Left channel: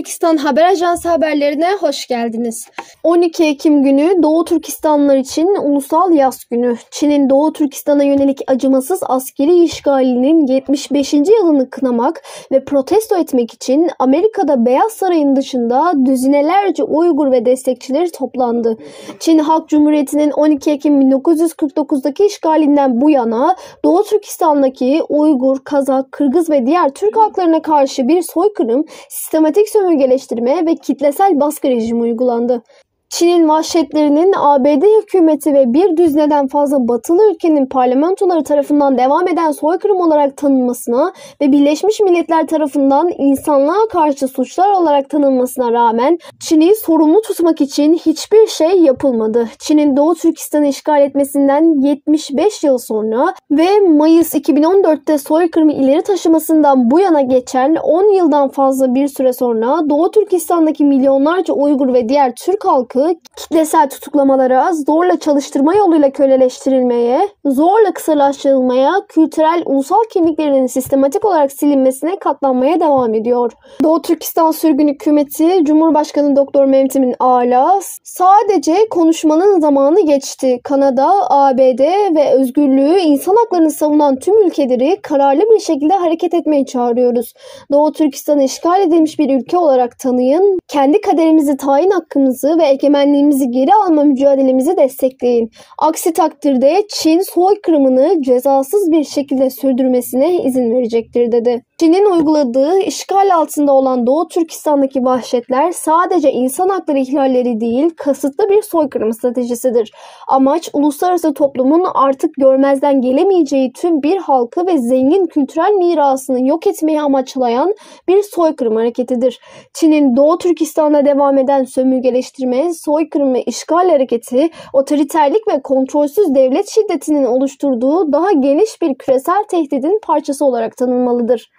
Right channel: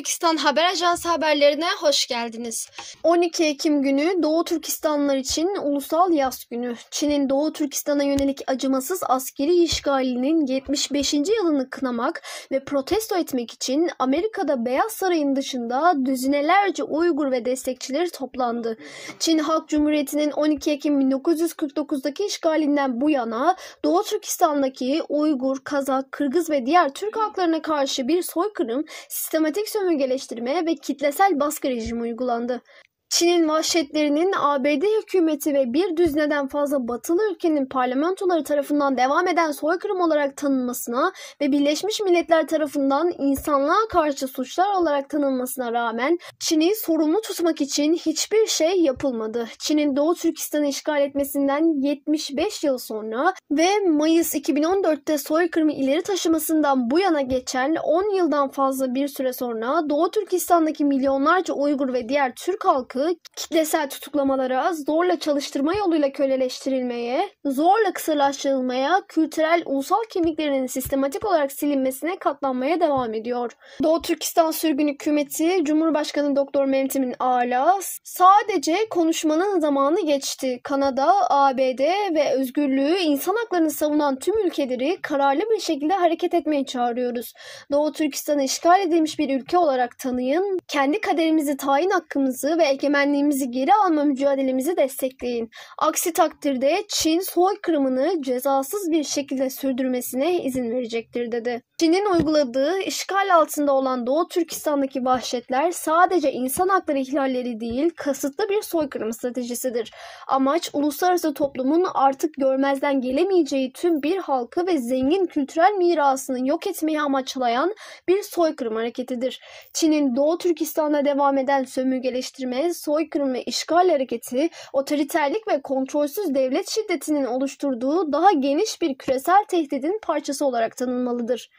Türkistan Haber Ajansı haberlerine hoş geldiniz. 12 Ekim günü Doğu Türkistanlılar için Ulusal Yas Günü. Çin'in Doğu Türkistan'a yönelik acımasız askeri işgalinin 75. yılını kınamak ve protesto etmek için Amerika'da Beyaz Saray'ın dışında düzinelerce Uygur ve destekçileri toplandı. Çin Halk Cumhuriyeti'nin 12 Ekim 1949'daki işgalinden bu yana Doğu Türkistan'daki Uygur, Kazak, Kırgız ve diğer Türk halklarına karşı bir soykırım, sistematik sömürgeleştirme ve kitlesel baskı rejimi uygulandı. Çin'in vahşetlerinin ABD hükümeti ve bir düzineden fazla batılı ülkenin parlamentoları tarafından devam eden soykırım olarak tanınmasına ve Birleşmiş Milletler tarafından insanlığa karşı suçlar olarak tanınmasına rağmen Çin'i sorumlu tutmak için hiçbir şey yapılmadı. Çin'in Doğu Türkistan'ı işgal etmesinden 75 yıl sonra ve Mayıs 2014'te soykırımı ileri taşımasından bu yana geçen 10 yıldan fazla bir süre sonra Doğu Türkistan'daki milyonlarca Uygur ve diğer Türk halkı kitlesel tutuklamalara, zorla çalıştırma yoluyla köleleştirilmeye, zorla kısırlaştırılmaya, kültürel ulusal kimliklerinin sistematik olarak silinmesine katlanmaya devam ediyor. Doğu Türkistan Sürgün Hükümeti, Cumhurbaşkanı Doktor Mehmet Emin Ağar'la sadece konuşmanın zamanı geçti. Kanada, ABD ve özgürlüğü, insan haklarını savunan tüm ülkeleri kararlı bir şekilde hareket etmeye çağırıyoruz. Doğu Türkistan'ı işgal edilmiş bir ülke olarak tanıyın, kendi kaderimizi tayin hakkımızı ve egemenliğimizi geri alma mücadelemizi destekleyin. Aksi takdirde Çin soykırımını cezasız bir şekilde sürdürmesine izin verecektir dedi. Çin'in uyguladığı işgal altında olan Doğu Türkistan'daki vahşetler sadece insan hakları ihlalleri değil, kasıtlı bir soykırım stratejisidir. Amaç uluslararası toplumun artık görmezden gelemeyeceği tüm bir halkı ve zengin kültürel mirasını yok etmeye amaçlayan bir soykırım hareketidir. Çin'in Doğu Türkistan'da devam eden sömürgeleştirme, soykırım ve işgal hareketi, otoriterlik ve kontrolsüz devlet şiddetinin oluşturduğu daha geniş bir küresel tehdidin parçası olarak tanınmalıdır.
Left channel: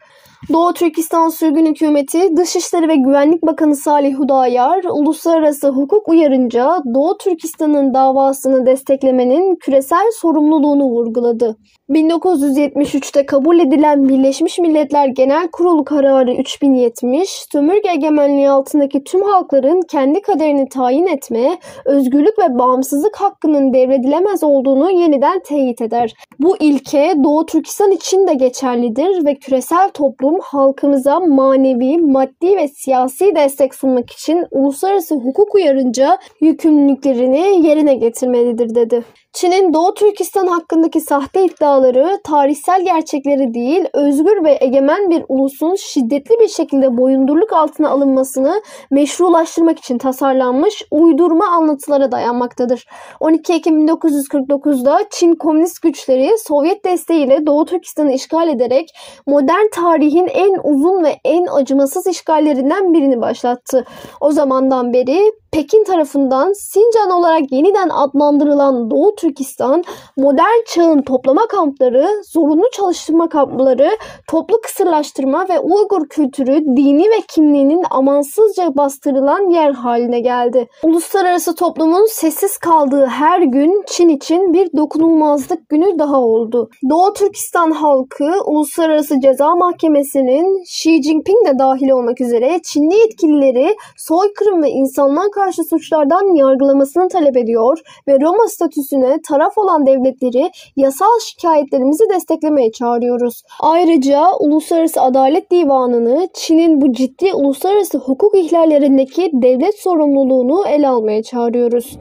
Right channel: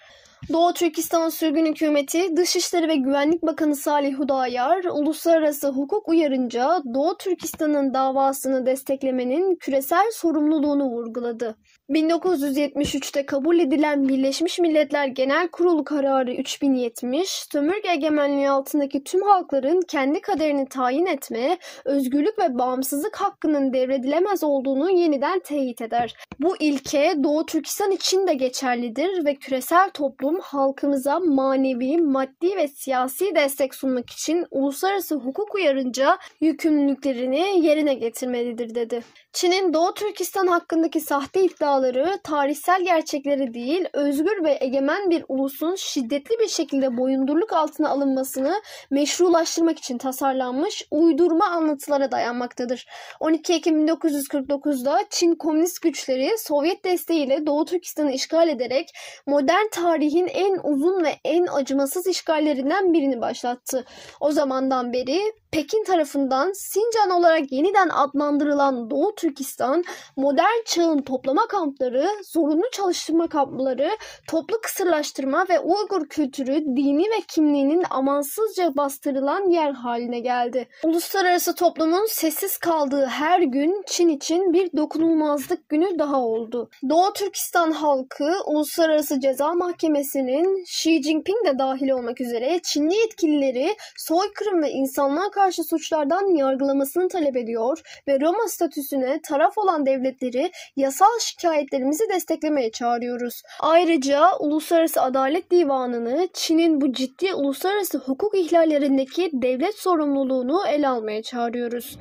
Doğu Türkistan Sürgün Hükümeti, Dışişleri ve Güvenlik Bakanı Salih Hudayar, uluslararası hukuk uyarınca Doğu Türkistan'ın davasını desteklemenin küresel sorumluluğunu vurguladı. 1973'te kabul edilen Birleşmiş Milletler Genel Kurulu Kararı 3070, sömürge egemenliği altındaki tüm halkların kendi kaderini tayin etme, özgürlük ve bağımsızlık hakkının devredilemez olduğunu yeniden teyit eder. Bu ilke Doğu Türkistan için de geçerlidir ve küresel toplum halkımıza manevi, maddi ve siyasi destek sunmak için uluslararası hukuk uyarınca yükümlülüklerini yerine getirmelidir dedi. Çin'in Doğu Türkistan hakkındaki sahte iddiaları tarihsel gerçekleri değil, özgür ve egemen bir ulusun şiddetli bir şekilde boyundurluk altına alınmasını meşrulaştırmak için tasarlanmış uydurma anlatılara dayanmaktadır. 12 Ekim 1949'da Çin komünist güçleri Sovyet desteğiyle Doğu Türkistan'ı işgal ederek modern tarihin en uzun ve en acımasız işgallerinden birini başlattı. O zamandan beri Pekin tarafından Sincan olarak yeniden adlandırılan Doğu Türkistan, modern çağın toplama kampları, zorunlu çalıştırma kampları, toplu kısırlaştırma ve Uygur kültürü, dini ve kimliğinin amansızca bastırılan yer haline geldi. Uluslararası toplumun sessiz kaldığı her gün Çin için bir dokunulmazlık günü daha oldu. Doğu Türkistan halkı, Uluslararası Ceza Mahkemesi'nin Xi Jinping de dahil olmak üzere Çinli yetkilileri soykırım ve insanlığa karşı suçlardan yargılamasını talep ediyor ve Roma statüsüne taraf olan devletleri yasal şikayetlerimizi desteklemeye çağırıyoruz. Ayrıca Uluslararası Adalet Divanı'nı Çin'in bu ciddi uluslararası hukuk ihlallerindeki devlet sorumluluğunu ele almaya çağırıyoruz.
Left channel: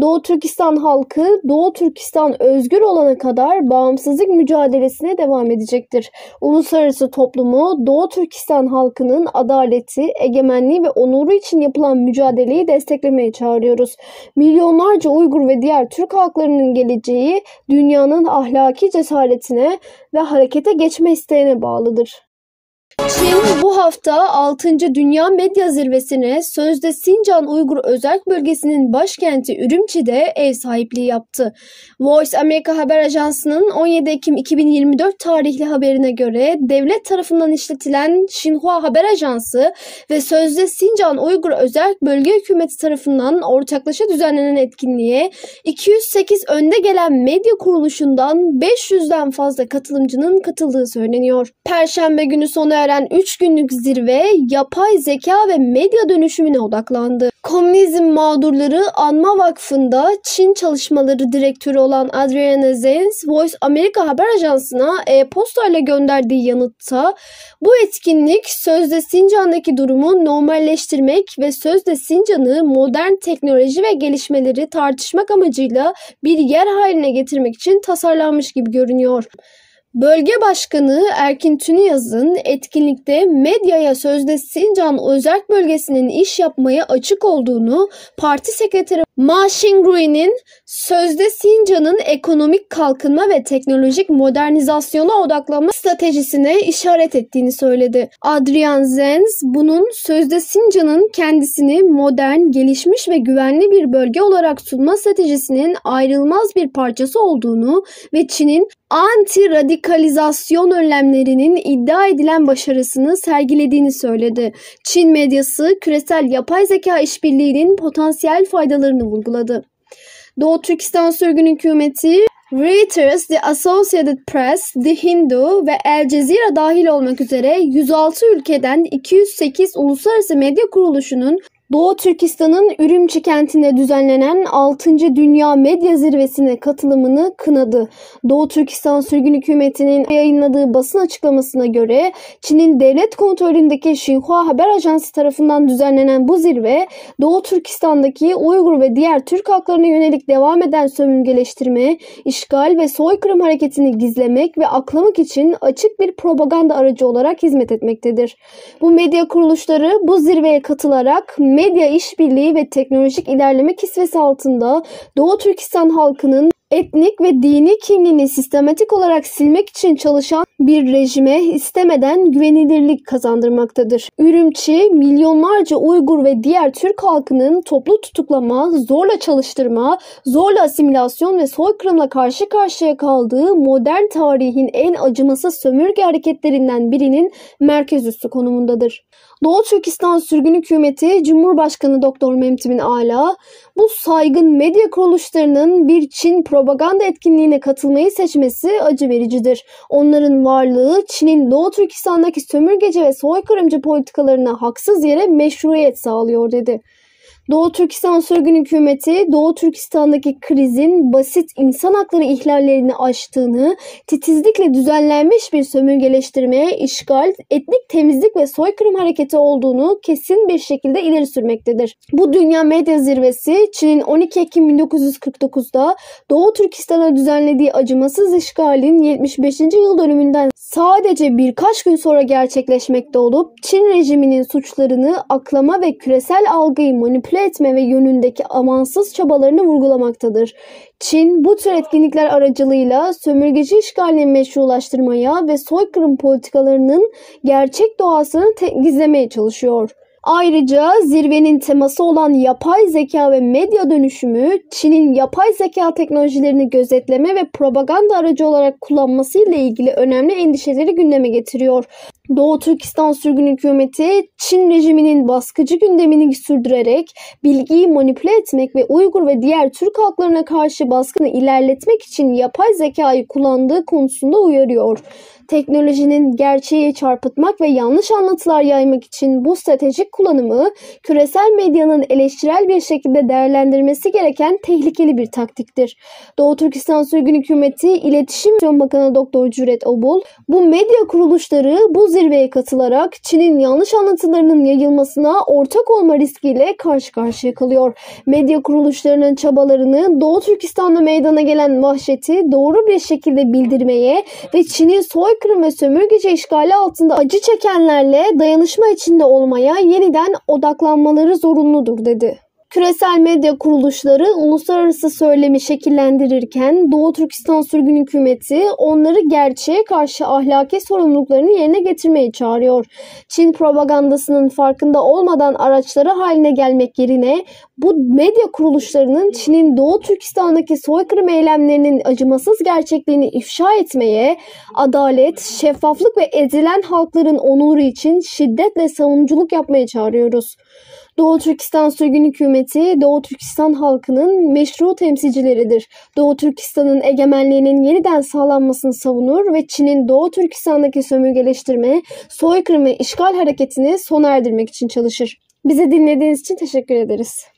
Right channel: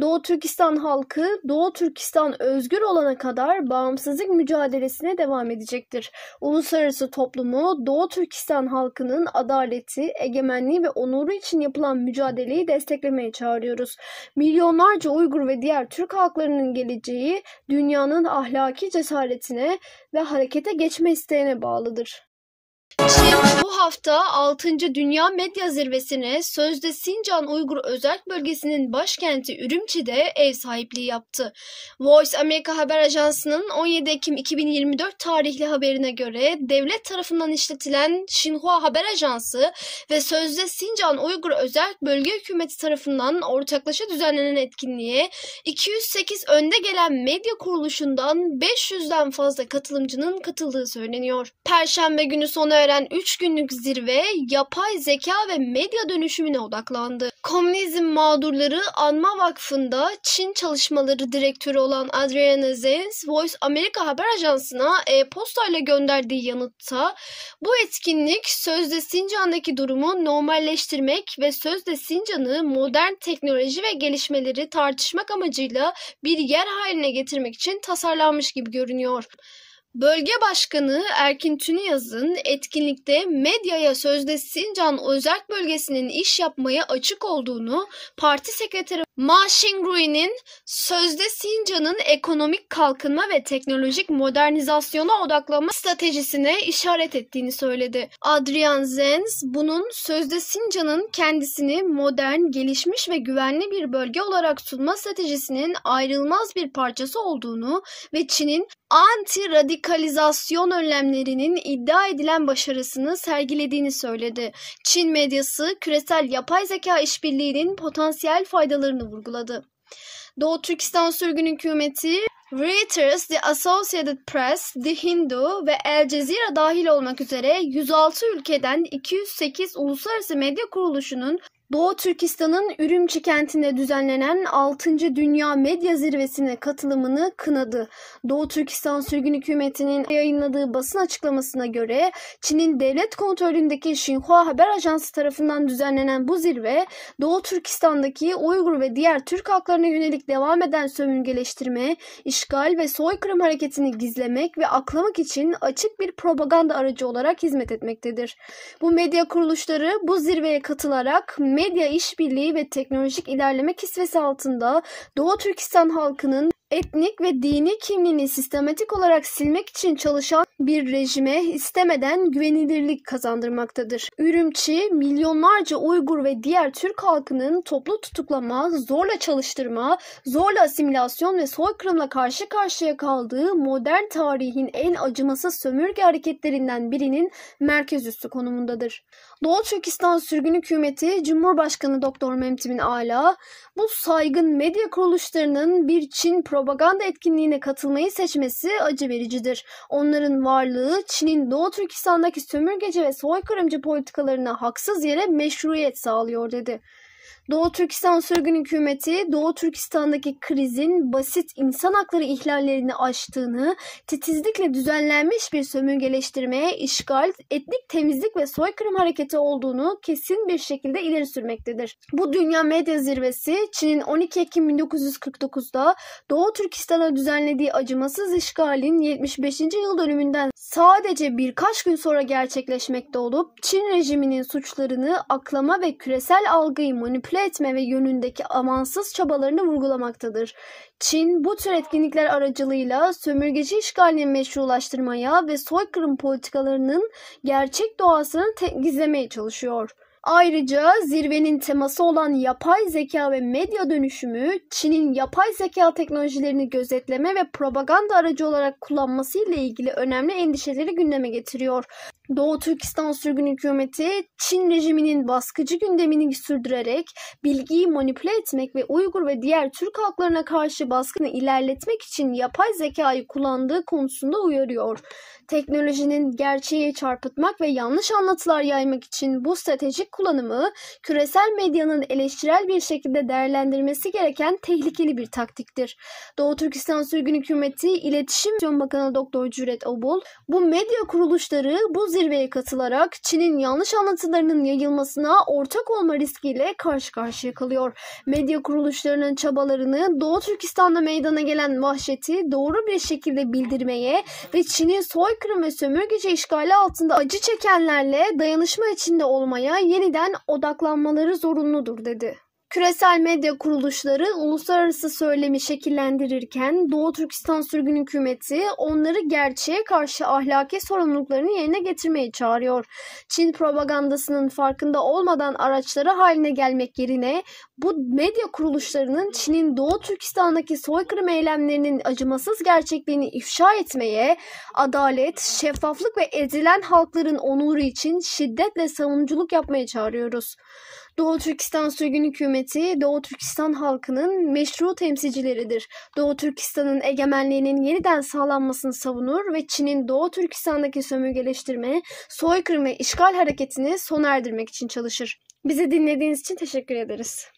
Doğu Türkistan halkı, Doğu Türkistan özgür olana kadar bağımsızlık mücadelesine devam edecektir. Uluslararası toplumu Doğu Türkistan halkının adaleti, egemenliği ve onuru için yapılan mücadeleyi desteklemeye çağırıyoruz. Milyonlarca Uygur ve diğer Türk halklarının geleceği dünyanın ahlaki cesaretine ve harekete geçme isteğine bağlıdır. Çin bu hafta 6. Dünya Medya Zirvesi'ne sözde Sincan Uygur Özerk Bölgesi'nin başkenti Ürümçi'de ev sahipliği yaptı. Voice Amerika Haber Ajansı'nın 17 Ekim 2024 tarihli haberine göre devlet tarafından işletilen Xinhua Haber Ajansı ve sözde Sincan Uygur Özerk Bölge Hükümeti tarafından ortaklaşa düzenlenen etkinliğe 208 önde gelen medya kuruluşundan 500'den fazla katılımcının katıldığı söyleniyor. Perşembe günü sona eren 3 günlük zirve yapay zeka ve medya dönüşümüne odaklandı. Komünizm Mağdurları Anma Vakfı'nda Çin Çalışmaları Direktörü olan Adriana Zenz, Voice America haber ajansına e-postayla gönderdiği yanıtta bu etkinlik sözde Sincan'daki durumu normalleştirmek ve sözde Sincan'ı modern teknoloji ve gelişmeleri tartışmak amacıyla bir yer haline getirmek için tasarlanmış gibi görünüyor. Bölge Başkanı Erkin Tünüyaz'ın etkinlikte medyaya sözde Sincan Özerk Bölgesi'nin iş yapmaya açık olduğunu, parti sekreteri Ma Xingrui'nin sözde Sincan'ın ekonomik kalkınma ve teknolojik modernizasyona odaklanma stratejisine işaret ettiğini söyledi. Adrian Zenz, bunun sözde Sincan'ın kendisini modern, gelişmiş ve güvenli bir bölge olarak sunma stratejisinin ayrılmaz bir parçası olduğunu ve Çin'in anti-radikalizasyon önlemlerinin iddia edilen başarısını sergilediğini söyledi. Çin medyası küresel yapay zeka işbirliğinin potansiyel faydalarını vurguladı. Doğu Türkistan sürgün hükümeti, Reuters, The Associated Press, The Hindu ve El Cezire dahil olmak üzere 106 ülkeden 208 uluslararası medya kuruluşunun Doğu Türkistan'ın Ürümçi kentinde düzenlenen 6. Dünya Medya Zirvesi'ne katılımını kınadı. Doğu Türkistan Sürgün Hükümeti'nin yayınladığı basın açıklamasına göre Çin'in devlet kontrolündeki Xinhua Haber Ajansı tarafından düzenlenen bu zirve, Doğu Türkistan'daki Uygur ve diğer Türk halklarına yönelik devam eden sömürgeleştirme, işgal ve soykırım hareketini gizlemek ve aklamak için açık bir propaganda aracı olarak hizmet etmektedir. Bu medya kuruluşları bu zirveye katılarak medya işbirliği ve teknolojik ilerleme kisvesi altında Doğu Türkistan halkının etnik ve dini kimliğini sistematik olarak silmek için çalışan bir rejime istemeden güvenilirlik kazandırmaktadır. Ürümçi, milyonlarca Uygur ve diğer Türk halkının toplu tutuklama, zorla çalıştırma, zorla asimilasyon ve soykırımla karşı karşıya kaldığı modern tarihin en acımasız sömürge hareketlerinden birinin merkez üssü konumundadır. Doğu Türkistan Sürgün Hükümeti Cumhurbaşkanı Doktor Memtimin Ala, bu saygın medya kuruluşlarının bir Çin propaganda etkinliğine katılmayı seçmesi acı vericidir. Onların varlığı Çin'in Doğu Türkistan'daki sömürgeci ve soykırımcı politikalarına haksız yere meşruiyet sağlıyor dedi. Doğu Türkistan Sürgün Hükümeti, Doğu Türkistan'daki krizin basit insan hakları ihlallerini aştığını, titizlikle düzenlenmiş bir sömürgeleştirmeye, işgal, etnik temizlik ve soykırım hareketi olduğunu kesin bir şekilde ileri sürmektedir. Bu Dünya Medya Zirvesi, Çin'in 12 Ekim 1949'da Doğu Türkistan'a düzenlediği acımasız işgalin 75. yıl dönümünden sadece birkaç gün sonra gerçekleşmekte olup, Çin rejiminin suçlarını aklama ve küresel algıyı manipüle etme ve yönündeki amansız çabalarını vurgulamaktadır. Çin bu tür etkinlikler aracılığıyla sömürgeci işgalini meşrulaştırmaya ve soykırım politikalarının gerçek doğasını gizlemeye çalışıyor. Ayrıca zirvenin teması olan yapay zeka ve medya dönüşümü, Çin'in yapay zeka teknolojilerini gözetleme ve propaganda aracı olarak kullanmasıyla ilgili önemli endişeleri gündeme getiriyor. Doğu Türkistan Sürgün Hükümeti, Çin rejiminin baskıcı gündemini sürdürerek bilgiyi manipüle etmek ve Uygur ve diğer Türk halklarına karşı baskını ilerletmek için yapay zekayı kullandığı konusunda uyarıyor. Teknolojinin gerçeği çarpıtmak ve yanlış anlatılar yaymak için bu stratejik kullanımı küresel medyanın eleştirel bir şekilde değerlendirmesi gereken tehlikeli bir taktiktir. Doğu Türkistan Sürgün Hükümeti İletişim Bakanı Doktor Cüret Obul, bu medya kuruluşları bu zirveye katılarak Çin'in yanlış anlatılarının yayılmasına ortak olma riskiyle karşı karşıya kalıyor. Medya kuruluşlarının çabalarını Doğu Türkistan'da meydana gelen vahşeti doğru bir şekilde bildirmeye ve Çin'in soykırım ve sömürgeci işgali altında acı çekenlerle dayanışma içinde olmaya yeniden odaklanmaları zorunludur dedi. Küresel medya kuruluşları uluslararası söylemi şekillendirirken Doğu Türkistan Sürgün Hükümeti onları gerçeğe karşı ahlaki sorumluluklarını yerine getirmeyi çağırıyor. Çin propagandasının farkında olmadan araçları haline gelmek yerine bu medya kuruluşlarının Çin'in Doğu Türkistan'daki soykırım eylemlerinin acımasız gerçekliğini ifşa etmeye, adalet, şeffaflık ve ezilen halkların onuru için şiddetle savunuculuk yapmaya çağırıyoruz. Doğu Türkistan Sürgün Hükümeti, Doğu Türkistan halkının meşru temsilcileridir. Doğu Türkistan'ın egemenliğinin yeniden sağlanmasını savunur ve Çin'in Doğu Türkistan'daki sömürgeleştirme, soykırım ve işgal hareketini sona erdirmek için çalışır. Bizi dinlediğiniz için teşekkür ederiz.